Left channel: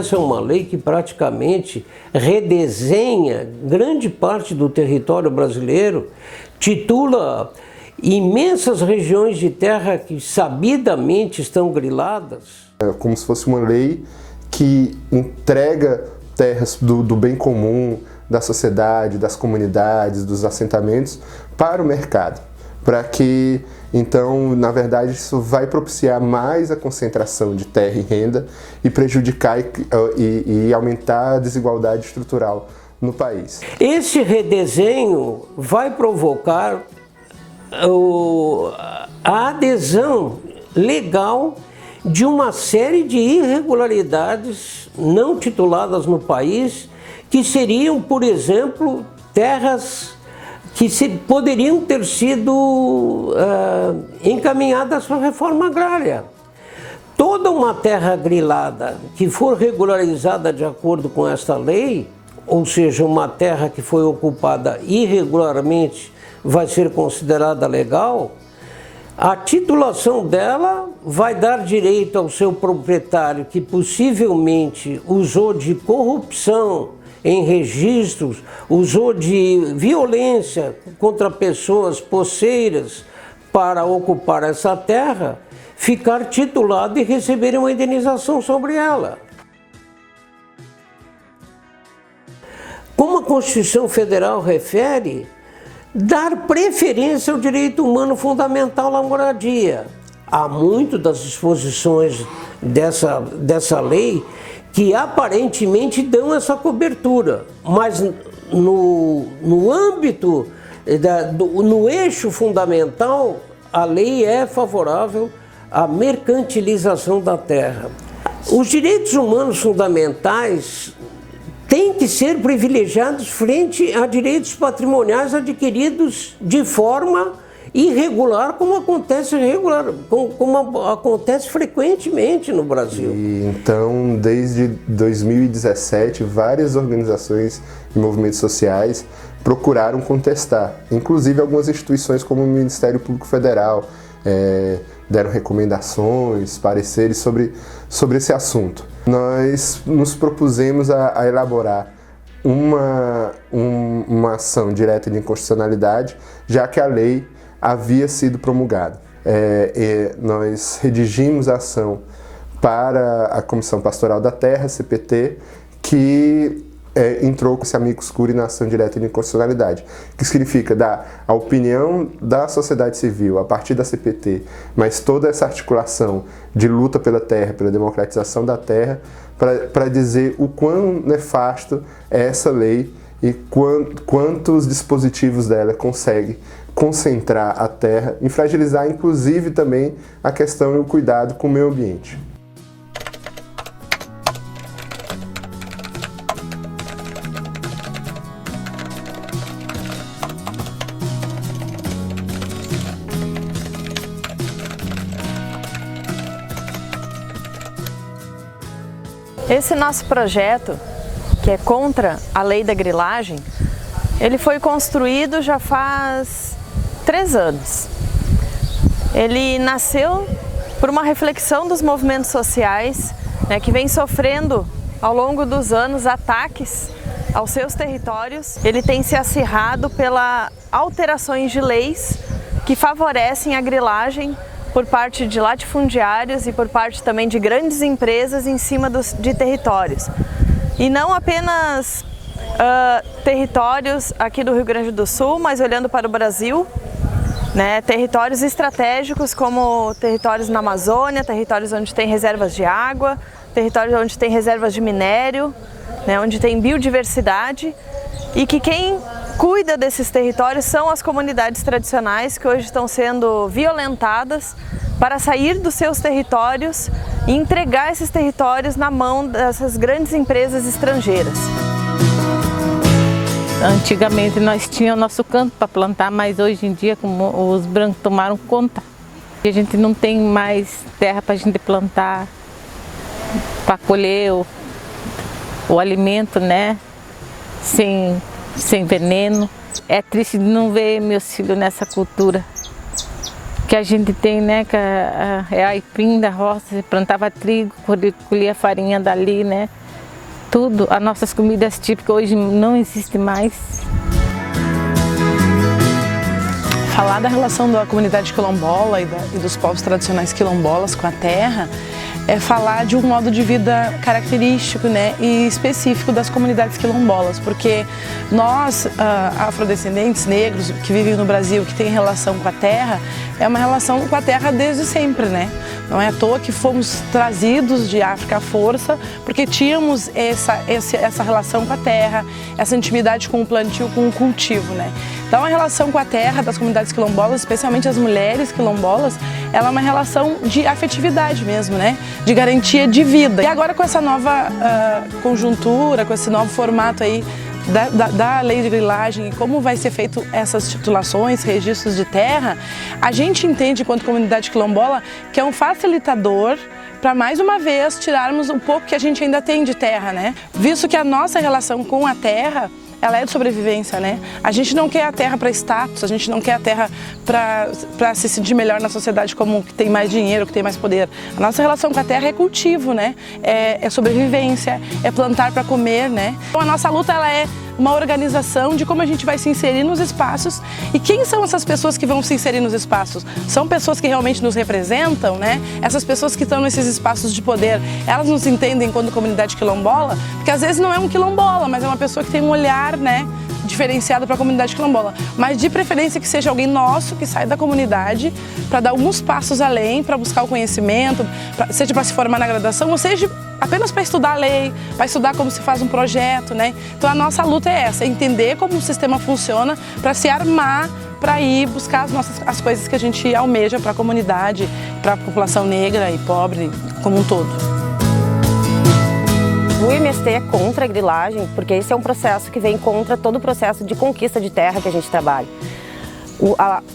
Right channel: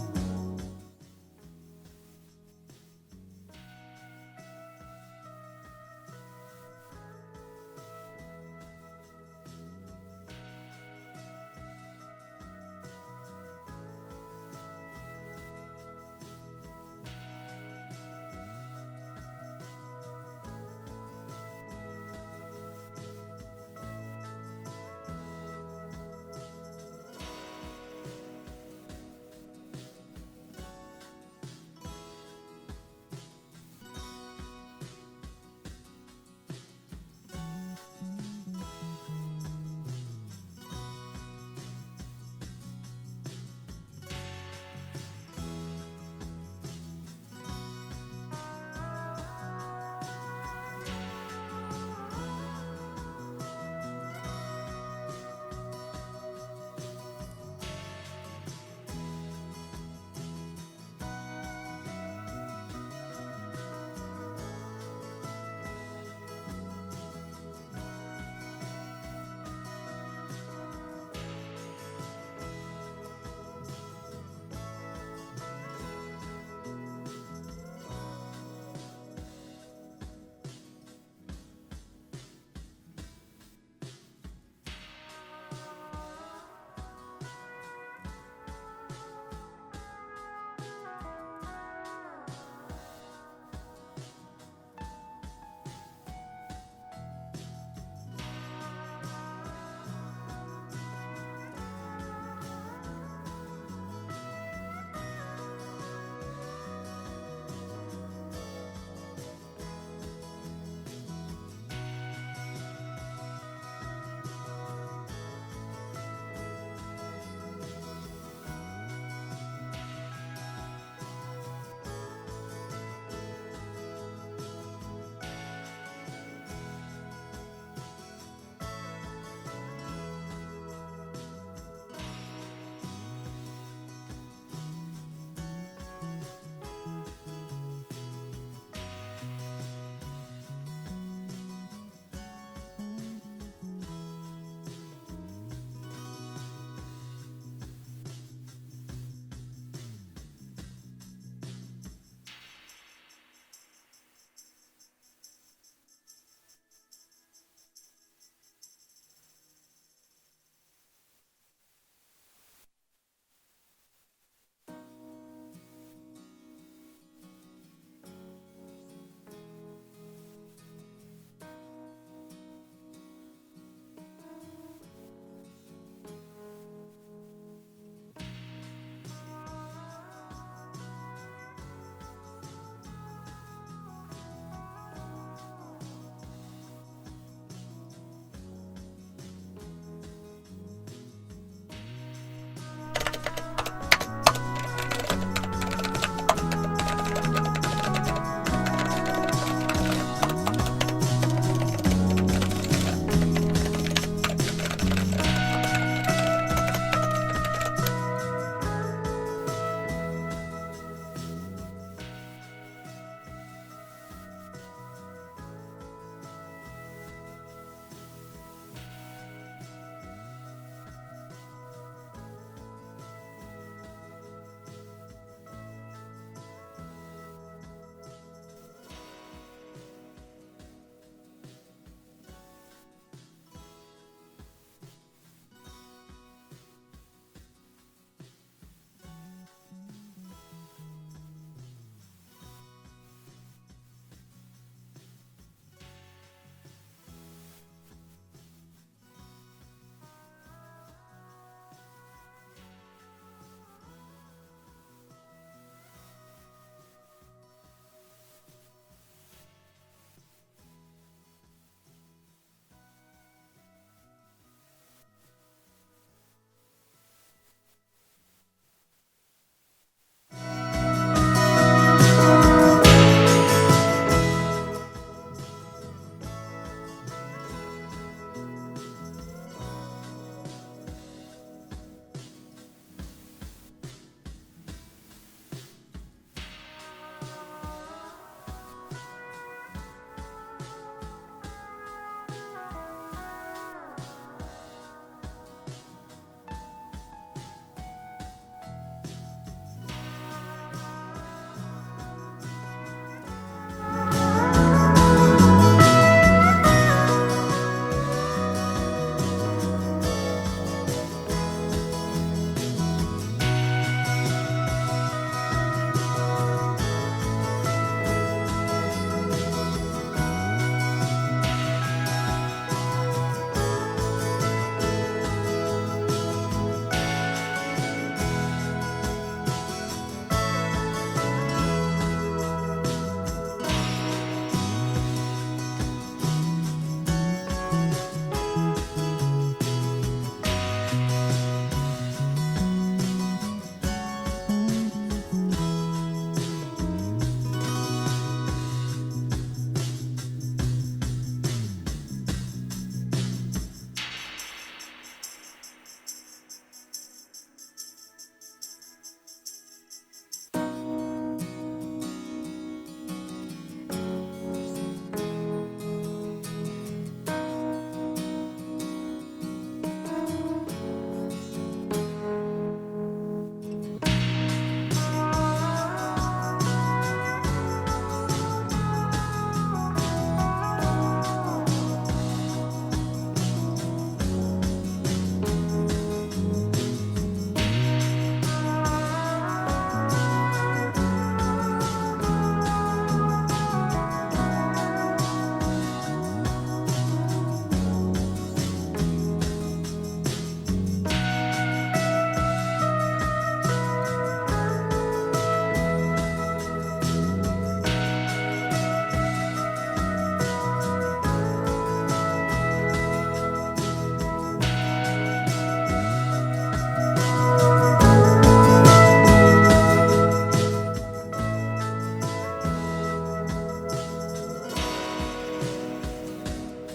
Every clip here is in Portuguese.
essa é uma lei que praticamente redesenha grande parte do território brasileiro, titula imensas regiões de terra que sabidamente estão griladas. É como se fosse uma lei que entrega terras do bem comum, da sociedade, das comunidades, dos assentamentos para o mercado, para que, então, na verdade, isso vai propiciar mais a concentração de terra e renda e prejudicar e aumentar a desigualdade estrutural no país. Esse redesenho vai provocar a adesão legal de uma série de irregularidades não tituladas no país, que seriam, por exemplo, terras que poderiam ter sido encaminhadas para a reforma agrária. Toda uma terra grilada que for regularizada de acordo com esta lei, ou seja, uma terra que foi ocupada irregularmente, vai ser considerada legal, a titulação dela vai dar direito ao seu proprietário, que possivelmente usou de corrupção em registros, usou de violência contra pessoas posseiras para ocupar essa terra, ficar titulado e receber uma indenização sobre ela. Como a Constituição Federal refere, dar preferência ao direito humano fundamental à moradia. Há muitas das disposições dessa lei que aparentemente dão essa cobertura, mas no âmbito, no eixo fundamental, a lei é favorável à mercantilização da terra. Os direitos humanos fundamentais têm que ser privilegiados frente a direitos patrimoniais adquiridos de forma irregular, como acontece frequentemente no Brasil. Então, desde 2017, várias organizações e movimentos sociais procuraram contestar, inclusive algumas instituições como o Ministério Público Federal deram recomendações, pareceres sobre esse assunto. Nós nos propusemos a elaborar uma ação direta de inconstitucionalidade, já que a lei havia sido promulgada. Nós redigimos a ação para a Comissão Pastoral da Terra, CPT, que entrou com esse amicus curiae na ação direta de inconstitucionalidade, que significa dar a opinião da sociedade civil a partir da CPT, mas toda essa articulação de luta pela terra, pela democratização da terra, para dizer o quão nefasto é essa lei e quantos dispositivos dela conseguem concentrar a terra e fragilizar, inclusive, também a questão e o cuidado com o meio ambiente. Esse nosso projeto, que é contra a lei da grilagem, ele foi construído já faz 3 anos. Ele nasceu por uma reflexão dos movimentos sociais, que vem sofrendo ao longo dos anos ataques aos seus territórios. Ele tem se acirrado pelas alterações de leis que favorecem a grilagem por parte de latifundiários e por parte também de grandes empresas em cima de territórios. E não apenas territórios aqui do Rio Grande do Sul, mas olhando para o Brasil, territórios estratégicos como territórios na Amazônia, territórios onde tem reservas de água, territórios onde tem reservas de minério, onde tem biodiversidade, e que quem cuida desses territórios são as comunidades tradicionais que hoje estão sendo violentadas para sair dos seus territórios e entregar esses territórios na mão dessas grandes empresas estrangeiras. Antigamente nós tínhamos o nosso canto para plantar, mas hoje em dia, como os brancos tomaram conta, a gente não tem mais terra para a gente plantar, para colher o alimento, sem veneno. É triste de não ver meus filhos nessa cultura que a gente tem, que é a aipim da roça, plantava trigo, colhia farinha dali, tudo. As nossas comidas típicas hoje não existem mais. Falar da relação da comunidade quilombola e dos povos tradicionais quilombolas com a terra é falar de um modo de vida característico, né, e específico das comunidades quilombolas, porque nós, afrodescendentes negros que vivem no Brasil, que têm relação com a terra, é uma relação com a terra desde sempre, né? Não é à toa que fomos trazidos de África à força, porque tínhamos essa relação com a terra, essa intimidade com o plantio, com o cultivo, né? Então a relação com a terra das comunidades quilombolas, especialmente as mulheres quilombolas, ela é uma relação de afetividade mesmo, né? De garantia de vida. E agora com essa nova conjuntura, com esse novo formato aí da lei de grilagem e como vai ser feito essas titulações, registros de terra, a gente entende, enquanto comunidade quilombola, que é um facilitador para, mais uma vez, tirarmos um pouco que a gente ainda tem de terra, né? Visto que a nossa relação com a terra, ela é de sobrevivência, né? A gente não quer a terra para status, a gente não quer a terra para se sentir melhor na sociedade como que tem mais dinheiro, que tem mais poder. A nossa relação com a terra é cultivo, né? É sobrevivência, é plantar para comer, né? Então a nossa luta, ela é uma organização de como a gente vai se inserir nos espaços. E quem são essas pessoas que vão se inserir nos espaços? São pessoas que realmente nos representam, né? Essas pessoas que estão nesses espaços de poder, elas nos entendem enquanto comunidade quilombola? Porque às vezes não é um quilombola, mas é uma pessoa que tem um olhar, né, diferenciado para a comunidade quilombola. Mas de preferência que seja alguém nosso, que sai da comunidade para dar alguns passos além, para buscar o conhecimento, seja para se formar na graduação, ou seja apenas para estudar a lei, para estudar como se faz um projeto, né? Então a nossa luta é essa, é entender como o sistema funciona para se armar, para ir buscar as coisas que a gente almeja para a comunidade, para a população negra e pobre como um todo. O MST é contra a grilagem, porque esse é um processo que vem contra todo o processo de conquista de terra que a gente trabalha.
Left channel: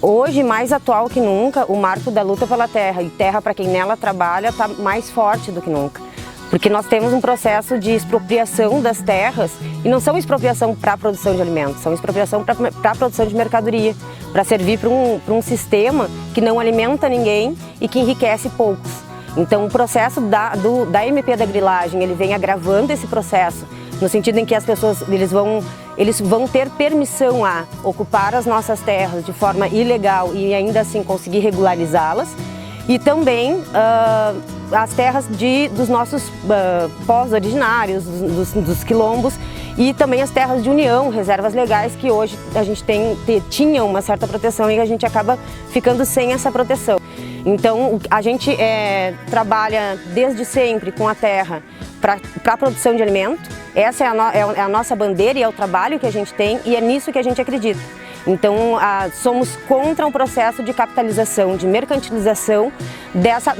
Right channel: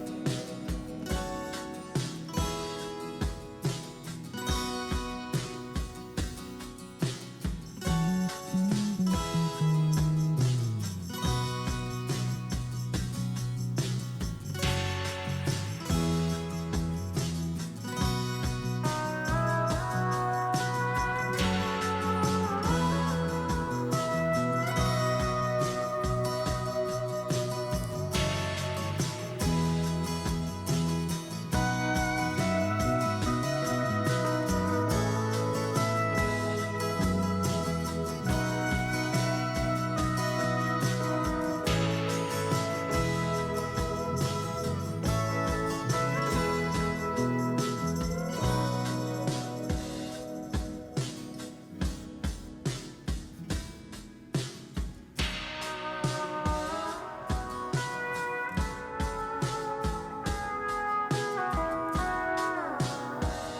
Hoje, mais atual que nunca, o marco da luta pela terra e terra para quem nela trabalha está mais forte do que nunca. Porque nós temos um processo de expropriação das terras, e não são expropriação para a produção de alimentos, são expropriação para a produção de mercadoria, para servir para um sistema que não alimenta ninguém e que enriquece poucos. Então o processo da MP da grilagem, ele vem agravando esse processo, no sentido em que as pessoas eles vão ter permissão a ocupar as nossas terras de forma ilegal e ainda assim conseguir regularizá-las. E também as terras dos nossos povos originários, dos quilombos, e também as terras de união, reservas legais, que hoje a gente tinham uma certa proteção e a gente acaba ficando sem essa proteção. Então a gente trabalha desde sempre com a terra para a produção de alimento. Essa é a nossa bandeira e é o trabalho que a gente tem, e é nisso que a gente acredita. Então, somos contra um processo de capitalização, de mercantilização dessa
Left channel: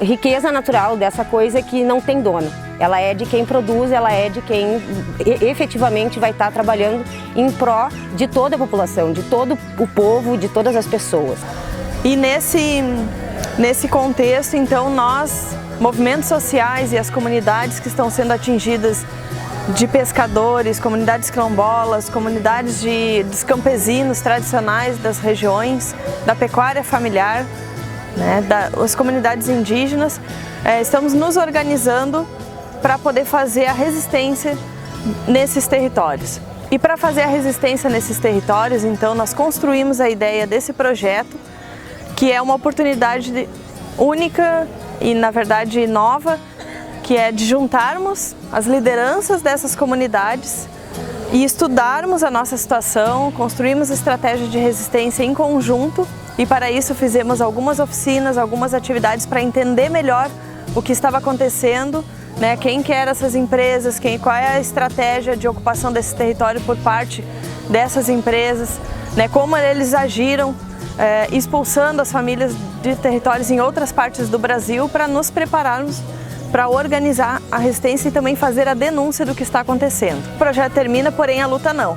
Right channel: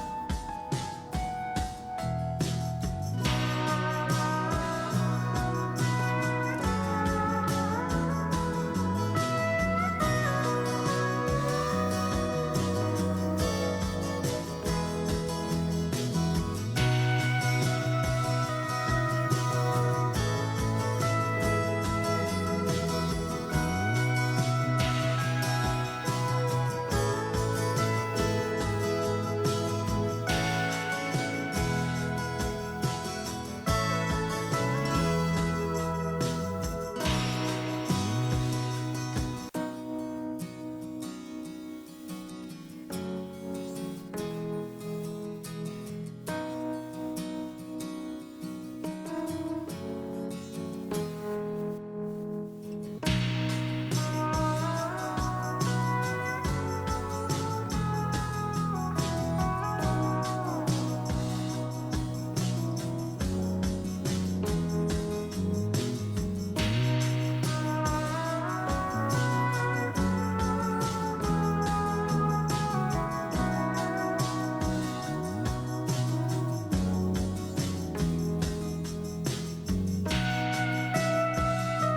riqueza natural, dessa coisa que não tem dono. Ela é de quem produz, ela é de quem efetivamente vai estar trabalhando em pró de toda a população, de todo o povo, de todas as pessoas. E nesse contexto, então, nós, movimentos sociais e as comunidades que estão sendo atingidas, de pescadores, comunidades quilombolas, comunidades dos campesinos tradicionais das regiões, da pecuária familiar, né, as comunidades indígenas, estamos nos organizando para poder fazer a resistência nesses territórios. E para fazer a resistência nesses territórios, então, nós construímos a ideia desse projeto, que é uma oportunidade única e, na verdade, nova, que é de juntarmos as lideranças dessas comunidades e estudarmos a nossa situação, construirmos estratégias de resistência em conjunto, e para isso fizemos algumas oficinas, algumas atividades para entender melhor o que estava acontecendo, né, quem que eram essas empresas, qual é a estratégia de ocupação desse território por parte dessas empresas, né, como eles agiram expulsando as famílias de territórios em outras partes do Brasil, para nos prepararmos para organizar a resistência e também fazer a denúncia do que está acontecendo. O projeto termina, porém a luta não.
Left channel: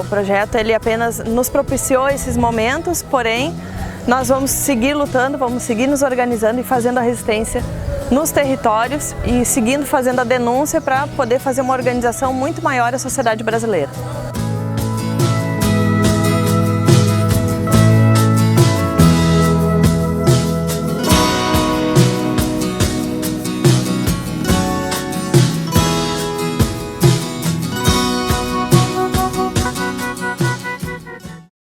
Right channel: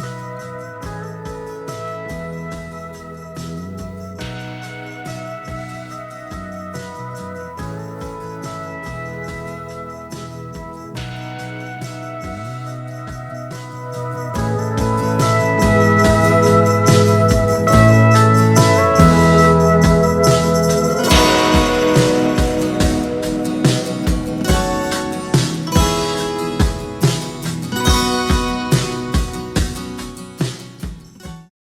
O projeto ele apenas nos propiciou esses momentos, porém nós vamos seguir lutando, vamos seguir nos organizando e fazendo a resistência nos territórios e seguindo fazendo a denúncia para poder fazer uma organização muito maior à sociedade brasileira.